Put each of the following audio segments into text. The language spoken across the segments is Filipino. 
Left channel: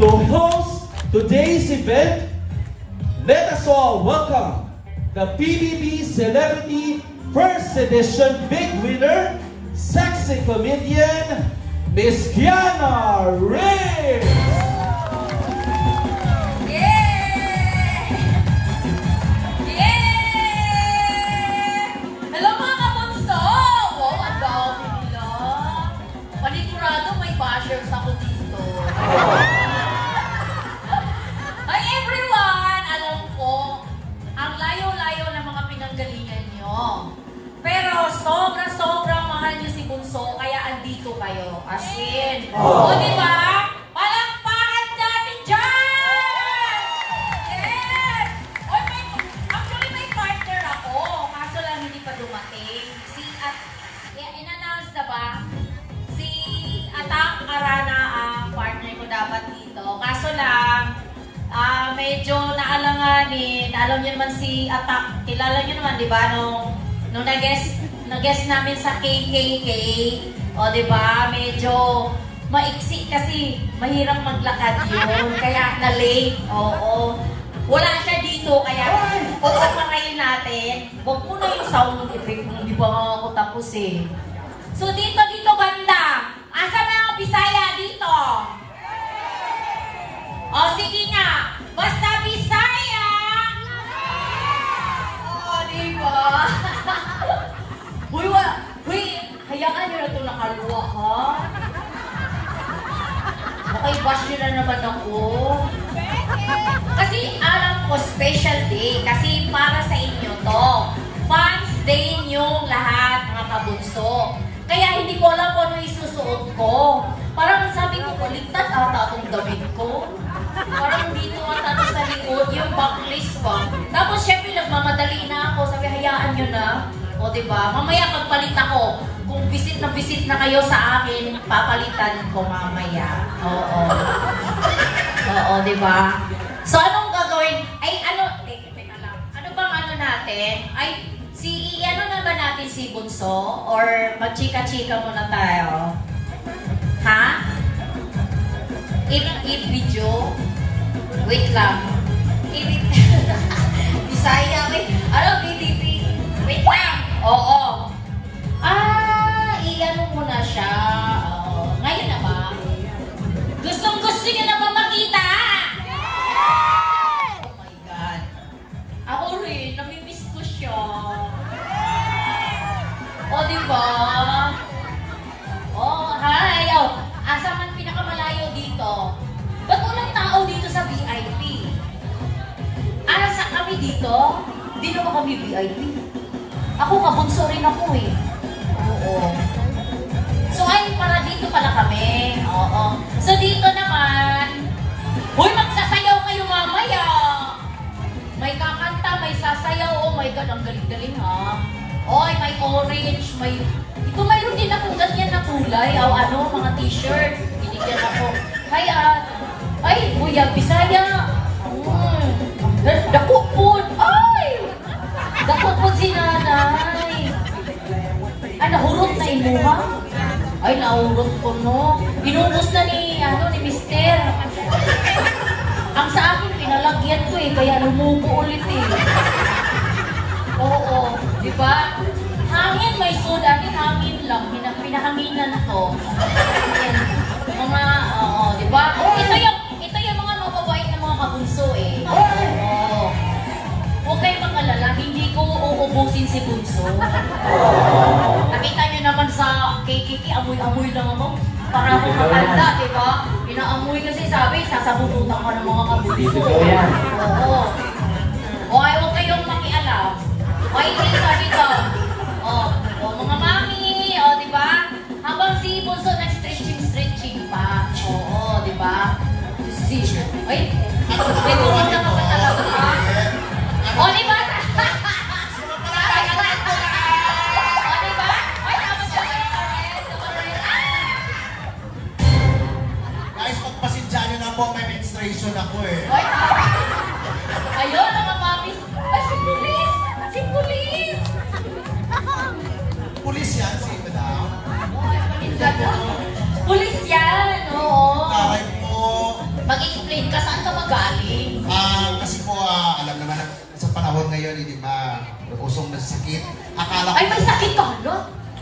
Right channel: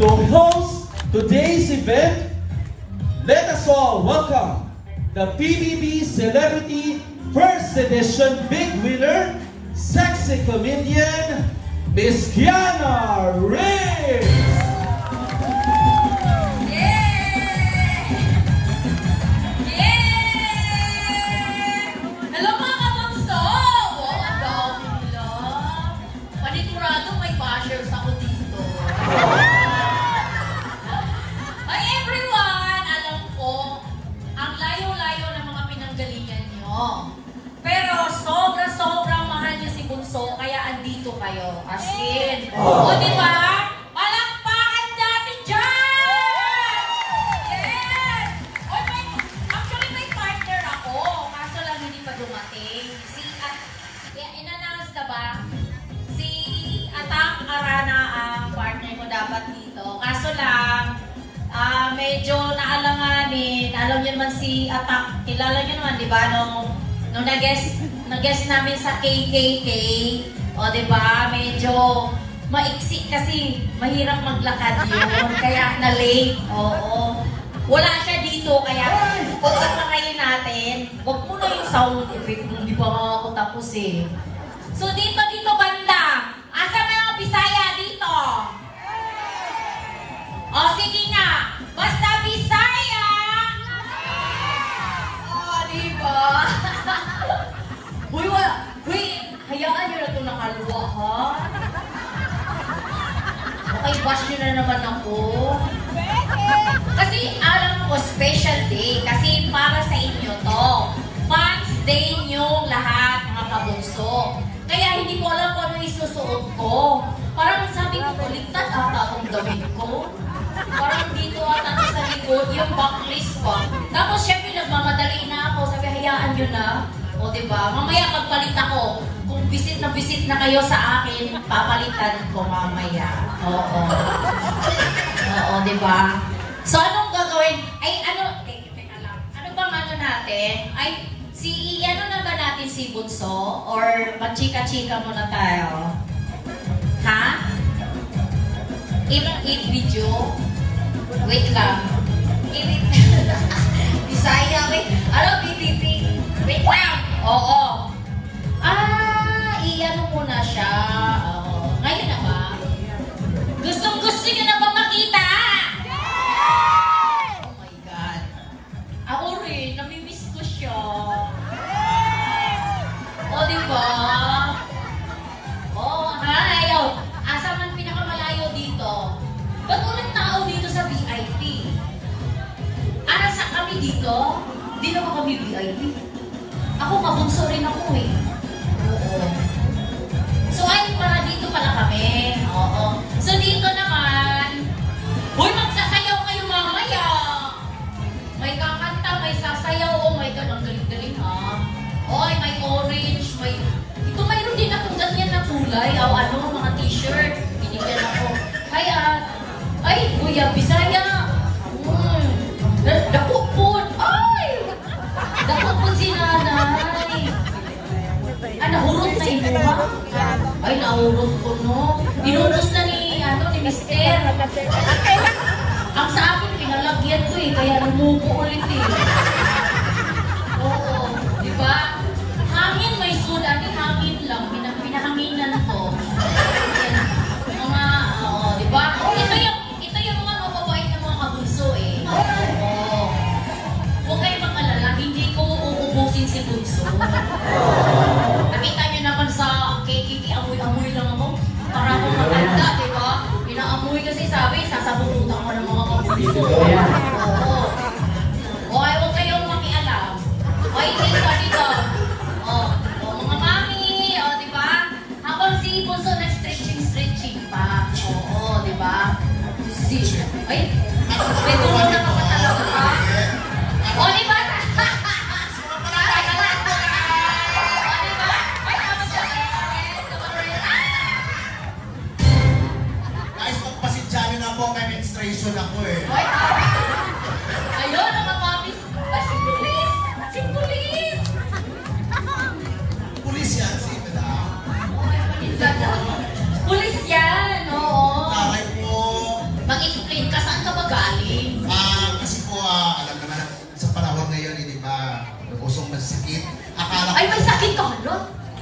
To host today's event, let us all welcome the PBB Celebrity First Edition Big Winner, sexy comedian, Miss Kiana Riggs! Ako dito. Hi everyone! Alam ko, ang layo-layo ng mga pinanggalingan nyo. Pero sobra-sobrang mahal niyo si Bunso, kaya andito kayo. As in. O diba? Palakpakan natin dyan! Yes! Actually may partner ako, kaso lang hindi pa dumating. In-announce na ba? Atak Arana ang partner ko dapat dito. Kaso lang, medyo naalanganin. Alam niyo naman si Atak, kilala niyo naman, di ba? Nung nag-guest namin sa KKK, o di ba? Medyo maiksi kasi mahirap maglakad yun. Kaya na-late. Oo. Wala siya dito, kaya pagkakayin natin. Huwag mo na yung sound effect. Hindi pa ako tapos eh. So dito banda. Asa mga Bisaya dito? O sige nga, basta Bisaya! O diba? Uy, hayaan nyo na ito nakaluwa ha? Nakaibash nyo na naman ako. Kasi alam ko special day, kasi para sa inyo to. Fans day nyo lahat mga kabunso. Kaya hindi ko alam kung ano isusuot ko. Parang sabi ko, ligtas ata akong damit ko. Parang dito ata sa likod, yung backlist ba. Tapos syempre nagmamadali na ako. Sabi, hayaan nyo na. O diba? Mamaya pagpalit ako. Kung visit na kayo sa akin, papalitan ko mamaya. Oo. Oo, diba? So anong gagawin? Ay, teka lang. Ano bang ano natin? Ay, ano na ba natin si Bunso? Or magchika-chika muna tayo? Ha? I-video? Wait lang. Bisaya, wait. Ano, BBB? Wait lang. Oo. I-ano muna siya. Ngayon naman. Gustong-gusto niyo na ba makita? Oh my God. Ako rin, namimiss ko siya. O, diba? Oh, hi! Oh, asa man pinakamalayo dito? Ba't walang tao dito sa VIP? Sa kami dito? Hindi naman kami VIP. Ako, kabunso rin ako eh. Oo. So, ay, para dito pala kami. Oo. So, dito naman, uy, magsasayaw kayo mamaya! May kakanta, may sasayaw, oh my God, ang galing-galing ha. Oy, may orange, ito mayroon din akong ganyan na kulay. Ano, mga t-shirt. Binigyan ako. Ay, Kuya Bisaya. Dako po. Ay! Dako po si nanay. Nahurot na inuha. Ay, nahurot ko, no? Inubos na ni Mister. Ang sa akin, pinalagyan ko eh. Kaya lumupo ulit eh. Oo, di ba? Hangin may soda, hangin lang, pinahanginan ko. Di ba? Ito yung mga mababait na mga kabunso eh. Oo. Huwag kayong mag-alala, hindi ko uubusin si Bunso. Nakita niyo naman sa KKK, amoy-amoy lang ako. Para akong maganda, di ba? Pinaamoy kasi sabi, sasabututan ka ng mga kabunso. Oo. Okay, huwag kayong makialam. Okay, dito. Mga mami, diba? Habang si Bunso nag-stretching pa. Oo, diba? Ay, dito ko na makatalaga ka. O, diba? Guys, magpasidya nyo na po, may menstruation ako eh. Ayun, mga mami. Ay, si Pulis! Si Pulis! Pulis yan, si Madam. Pulis yan, oo. Kahit po. Mag-ikot usong nagsikit. Akala Ay, ko, masakit ka, no?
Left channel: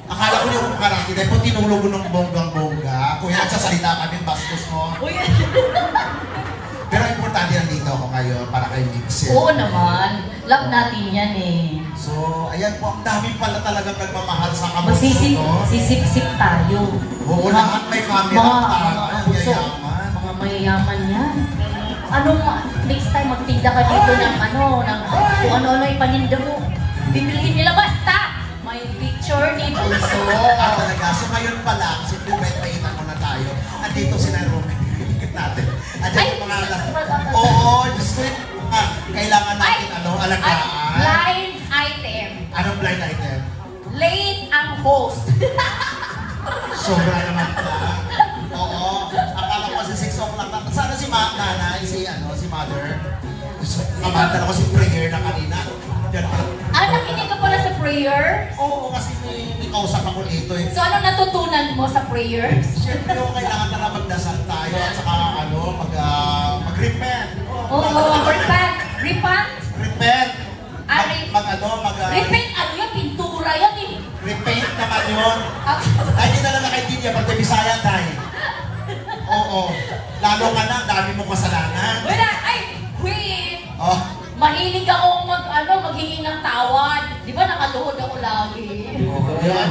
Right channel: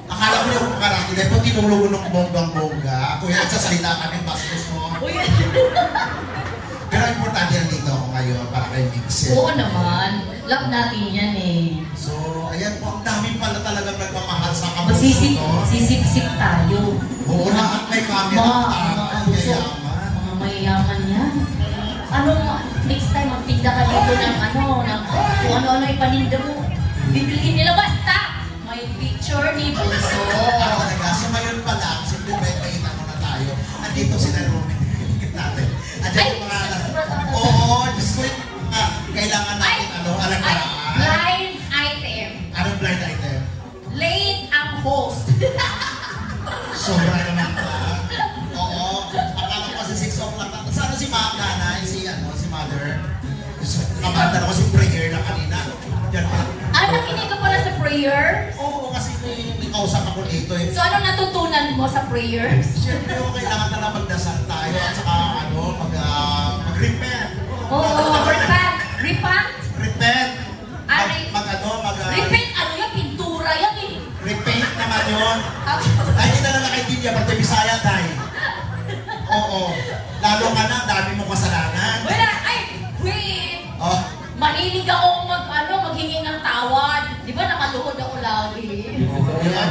akala ko yung karate, dahil po tinulungan ng bonggang-bongga. Kuya, nagsasalita kami, bastos mo. Uy, Pero ang importante nandito ako ngayon para kayo mix. oo naman. Love natin yan eh. So, ayan po, ang dami pala talagang nagmamahal sa kabunso, no? Sisip-sip tayo. Oo, lahat may camera tayo. Mga Yayaman. mga mayayaman yan. Next time magtinda ka dito ng kung ano-ano yung paninda mo. Bibilihin nila basta. May picture ni Bunso. Talaga, so ngayon pa lang, simple may na tayo. Andito sila Roman. Natin. Andito yung mga oo, Diyos ko, kailangan natin alagaan. Blind item. Anong blind item? Late ang host. Sobra naman po. Oo. Akala ko kasi 6 o'clock. Sana si nanay, si mother. Kamanta ako si prayer na kanina. Yan pala. Nakinig ka pala sa prayer? Oo, kasi may kausap ako dito. So ano natutunan mo sa prayers? Siyempre yung kailangan na magdasal tayo at saka mag-repent. Oo, repent. Repent? Repent. Repent, ano yan? Pintura yan eh. Repent naman yun. Ay, hindi na lang nakaintindihan pag Bisaya tayo. Oo. Lalo nga na, dami mong kasalanan. Wala, wait. Oh. Mahilig akong maghingi ng tawad. Di ba nakaluhod ako lagi? Yan,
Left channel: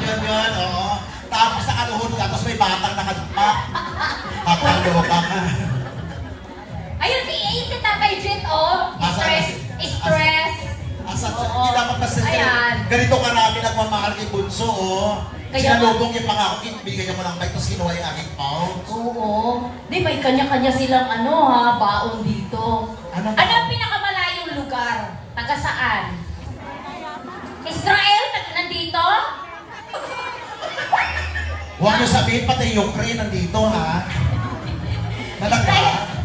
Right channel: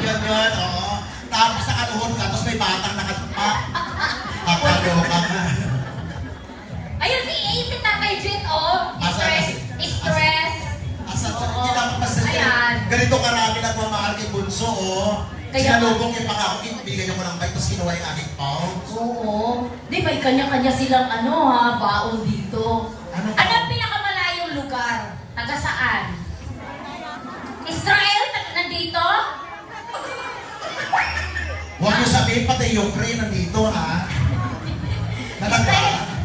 oo. Tapos nakaluhod ka, tapos may batang nakatpa. Papagawa ka nga. Ayun, si Tatay Jet, oh. Stress. Asa, hindi dapat kasi ganito karami nagmamahal kay Bunso, oh. Sinalubong yung pangako, bigyan niyo mo ng bike, tapos kinuha yung aking pound. Oo. Di, may kanya-kanya silang baon dito. Ano ang pinakamalayong lugar? Taga saan? Israel? Nandito? Huwag niyo sabihin pati yung pre nandito, ha?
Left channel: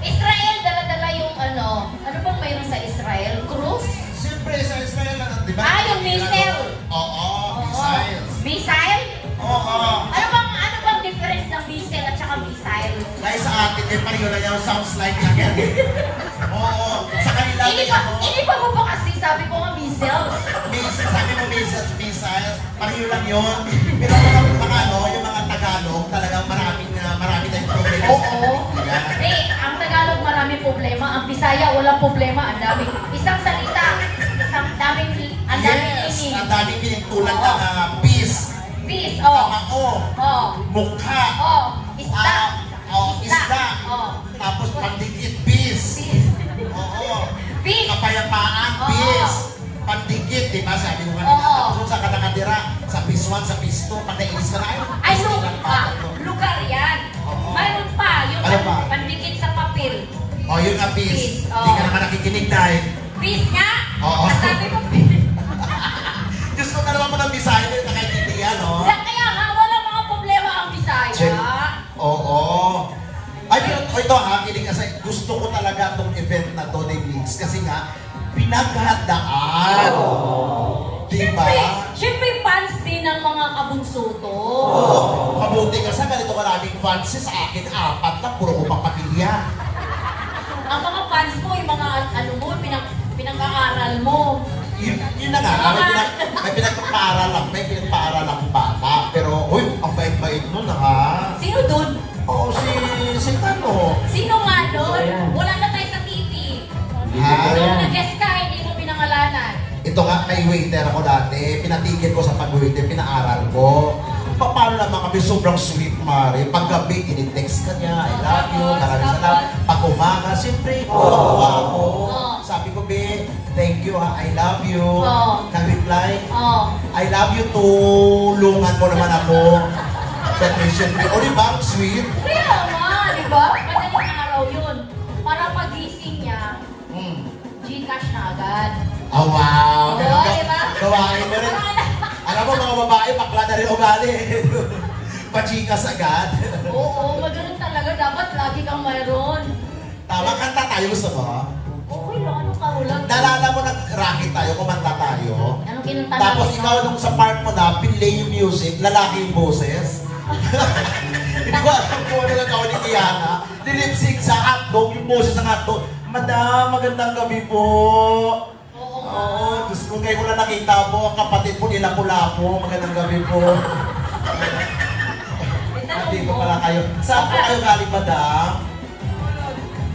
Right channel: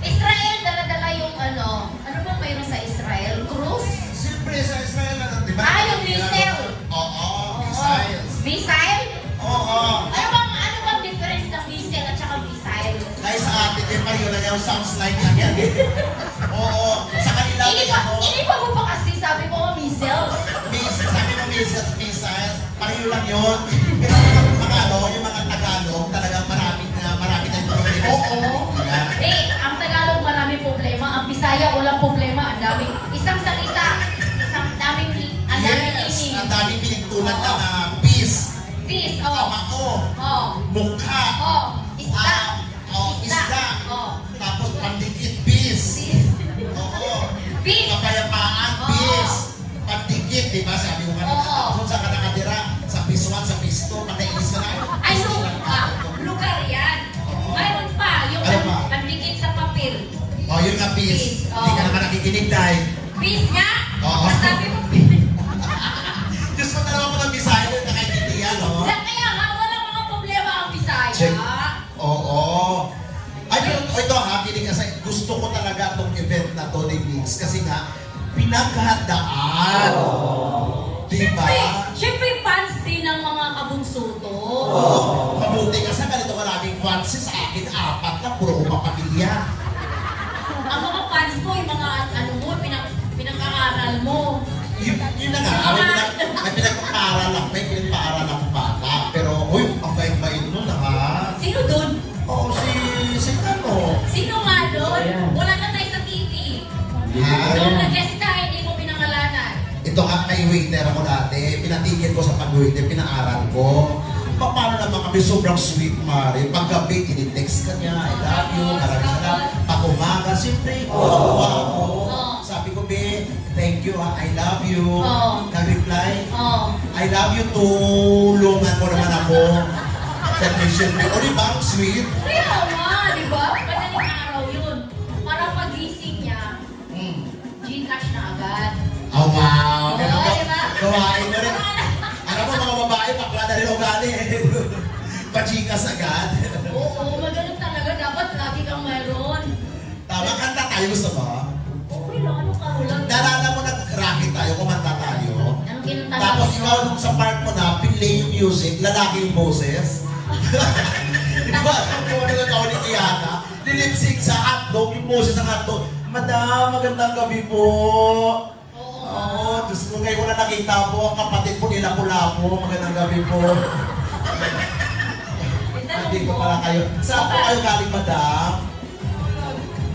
Israel, dala-dala yung ano bang mayroon sa Israel? Cruise? Siyempre sa Israel, di ba? Yung missile. Oo, missile. Missile? Oo. Ano bang difference ng missile at saka missile? Dahil sa akin, yung pareho na yung sounds like yan. Oo. Sa kanila, Hindi pa mo ba kasi sabi ko missiles? Sabi mo missiles, pareho lang yun. Pero yung mga Tagalog, talagang marami tayong problema. Oo. Ang Tagalog marami problema, ang Bisaya walang problema, ang dami. Isang salita, ang daming Yes, ang daming pinagtulan na peace. Peace, Mukha. Isda. Tapos pandikit, peace. Oo. Peace. Kapayapaan, peace. Pandikit, di ba? Sabi ko kanina. Tapos sa kanakadira, sa peace 1, sa peace 2, pagkainis ka na. Ay, lugar yan. Mayroon pa, yung pandikit sa papel. Yun nga, peace. Hindi ka naman nakikinig dahil. Peace nga? Oo. Sabi ko, peace. Diyos ko talagang mo ng Bisaya, nakaintindihan, no? Kaya wala mga problema ang Bisaya. Oo. Ay, pero ito kilig kasi gusto ko talaga itong event na to ni Mix kasi nga, pinaghandaan. Diba? Siyempre, fans din ng mga kabunso to. Mabuti ka sa ganito maraming fans sa akin, 4 lang, puro ko papakilya. Ang mga fans mo, yung mga pinag-aaral mo. Yun na nga, may pinagpapaaral lang, may pinagpaaral lang bata. Pero, ang bait-bait nun ha. Sino dun? Si Tano. Sino nga dun? Wala na tayo sa TV. Nung nag-guest ka, hindi mo pinangalanan. Ito nga, kay waiter ako dati. Pinatigil ko sa pag-waiter, pinaaral ko. Paano naman kami sobrang sweet, Mari. Pag-gabi, tinitext ka niya, I love you, maraming salamat. Pag-umaga, siyempre, ako. Sabi ko, babe, thank you, I love you. Nag-reply, I love you too. Lungan mo naman ako. Sa mission ko. O, diba? Sweet. Kaya naman, diba? Madaling araw yun. Para pagising niya, Gcash na agad. Oh, wow. Diba? Gawain mo rin. Alam mo, mga babae, bakla na rin ugali. Pachikas agad. Oo, magaling talaga. Dapat lagi kang mayroon. Tama, kanta tayo, gusto mo? Okay lang, ano ka ulang? Nalala mo na racket tayo, kumanta tayo. Anong kinanta natin? Tapos ikaw nung sa part mo na, pinlay yung music, lalaki yung boses. Hindi ko alam kung ano nagawa ni Kiana. Nilipsing sa hotdog, yung boses ng hotdog. Madam, magandang gabi po. Oo, Diyos ko, ngayon ko na nakita po, ang kapatid po nila Lapu-Lapu. Magandang gabi po. Nandito pala kayo. Saan po kayo galing, madam?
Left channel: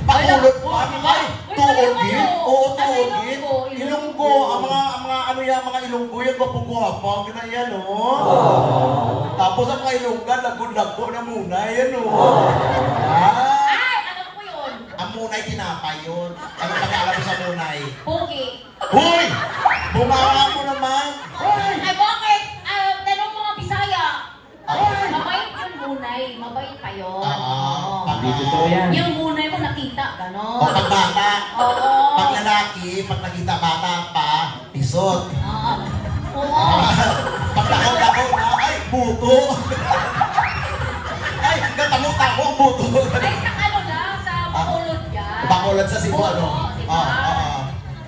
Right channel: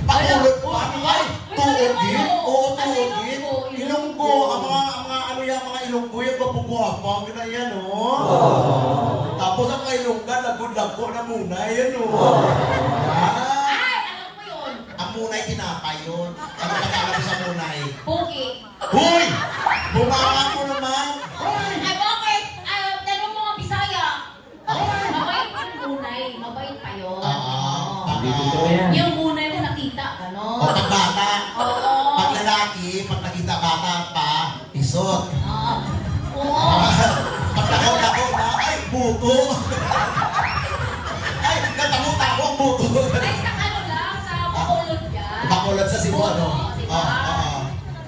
Pakulot po. Ay, tuogin? Oo, tuogin. Ilonggo. Ang mga ano yan, mga ilonggo yan, gwapo-gwapo. Ang gina yan, oh. Tapos ang mga ilonggan, lago-lago na muna, yan, oh. Ay, alam ko yun. Ang munay tinapay yun. Ano pag-alam ko sa munay? Puki. Huy! Bumawa mo naman! Ay, bakit? Tanong mo nga Bisaya. Mabait yung gunay. Mabait pa yun. Yung gunay mo nakita, gano'n. O pag bata, Oo. pag lalaki, pag nakita bata pa, pisot. Oo. Pag nakita na, ay, buto! Ay, natamot-tako ang buto! Ay, sa ano lang, sa Bacolod yan. Bacolod sa Cebu, ano? Oo, diba? Oo.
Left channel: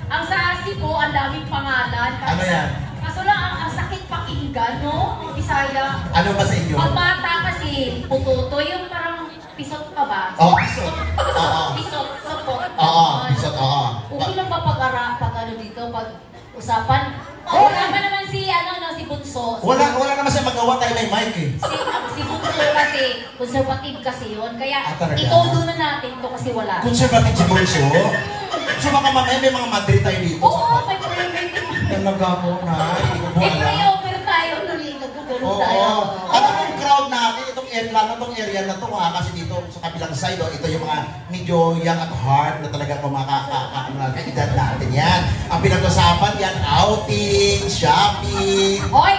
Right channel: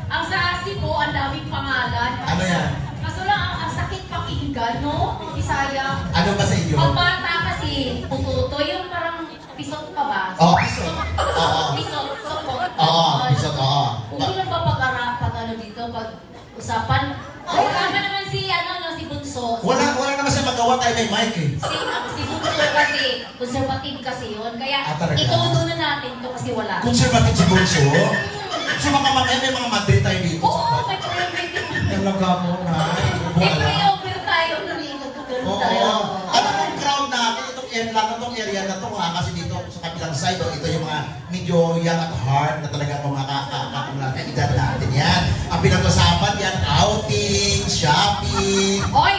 Ang sa Cebu, ang daming pangalan. Ano yan? Kaso lang, ang sakit pakinggan, no? Bisaya. Ano ba sa inyo? Pag bata kasi, pututo, yung parang pisot pa ba? Oo, pisot. Oo. Pisot, sokot. Oo, pisot, oo. Okay lang ba pag ano dito, pag usapan? Wala ba naman si, si Bunso? Wala naman siya magawa tayo may mic eh. Si Bunso kasi, conservative kasi yun. Kaya, talaga? itudo na natin to kasi wala. Conservative si Bunso. So mga may mga Madrid tayo dito. Oo, may private. Talaga mo na, hindi ko po Eh, alam. may over tayo, nagkakaroon Oo. tayo. Ano yung crowd natin, itong area na to, kasi dito sa kabilang side, ito yung mga medyo young at heart na talaga mga edad natin yan. Ang pinag-usapan yan, outing, shopping, Oy!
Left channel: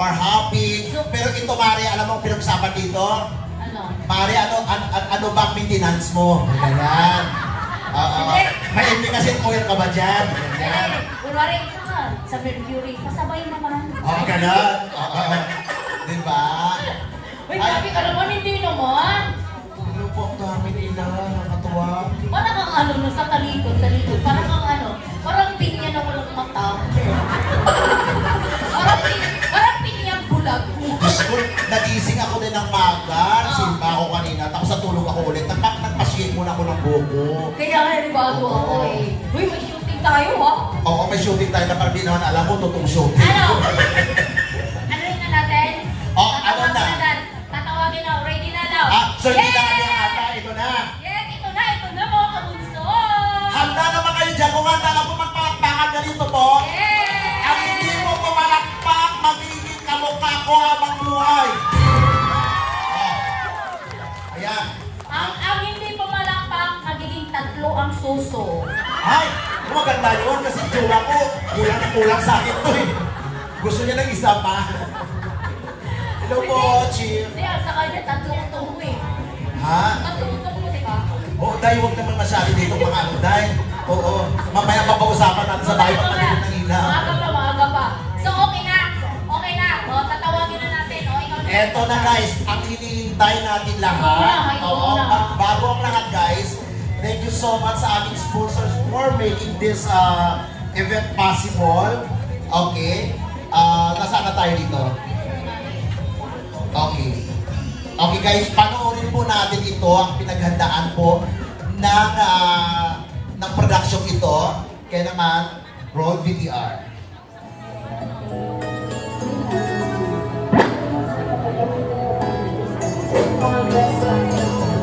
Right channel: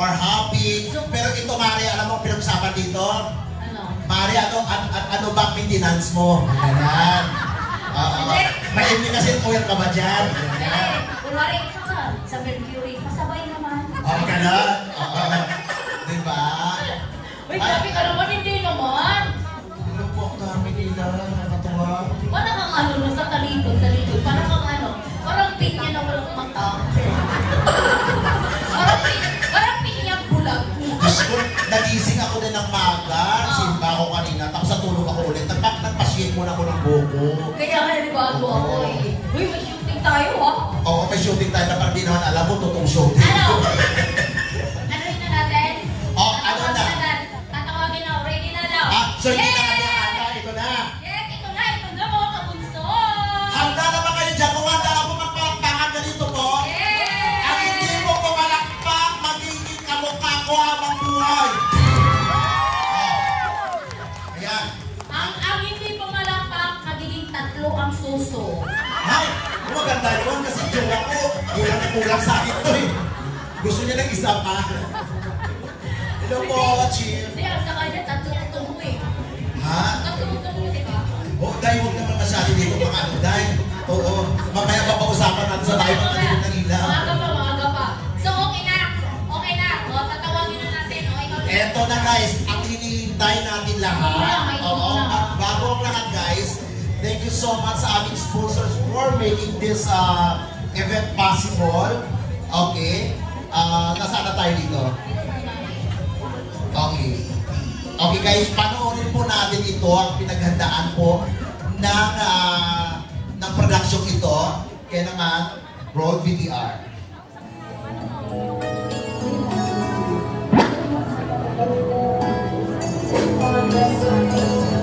bar hopping. Pero ito, Mari, alam mo ang pinag-usapan dito? Ano? Mari, ano ba maintenance mo? Ganyan. May kasi oil ka ba dyan? Ganyan. Kunwari, sa Mercury, pasabay naman. Ganun. Diba? Uy, grabe ka naman, hindi naman. Ano po ang kami nila? Nakatuwa. Parang kang no, sa talikod. Parang kang parang pinya na walang mata. Parang pinya bulag. Diyos ko, nagising ako din ng maga. Nasimba ako kanina. Tapos natulog ako ulit. Nagpashake muna ako ng buko. Kaya nga nanibago ako eh. Uy, may shooting tayo ha? Oo, may shooting tayo na parang di naman alam mo, totoong shooting. Ano? Ano rin na natin? Ano na? Tatawagin na, ready na daw. So hindi na natin handa. Ito na. Yes, ito na mga kabunso. Handa naman kayo dyan. Kung handa ako magpapakpakan na dito po. Yes! Ang hindi mo pumalakpak, magiging kamukha ko habang buhay. Ayan. Ang hindi pumalakpak, magiging tatlo ang suso. Ay, maganda yun kasi jowa ko, kulang na kulang sa akin to eh. Gusto niya ng isa pa. Hello po, Chief. Hindi, sa kanya, tatlo ko tungo eh. Ha? Tatlo ko tungo, di ba? Oo, dahil huwag naman masyado dito mga ano, dahil. Oo, mamaya pa pag-usapan natin sa tayo pagkalimutan ng ina. Maaga pa. So, okay na. O, tatawagin na natin. O, ikaw na. Eto na guys, ang hinihintay natin lahat. Oo, bago ang lahat guys, thank you so much sa aming sponsors for making this event possible. Okay. Nasaan na tayo dito? Okay. Okay guys, panoorin po natin ito, ang pinaghandaan po ng production ito. Kaya naman, roll VTR. Our best friends.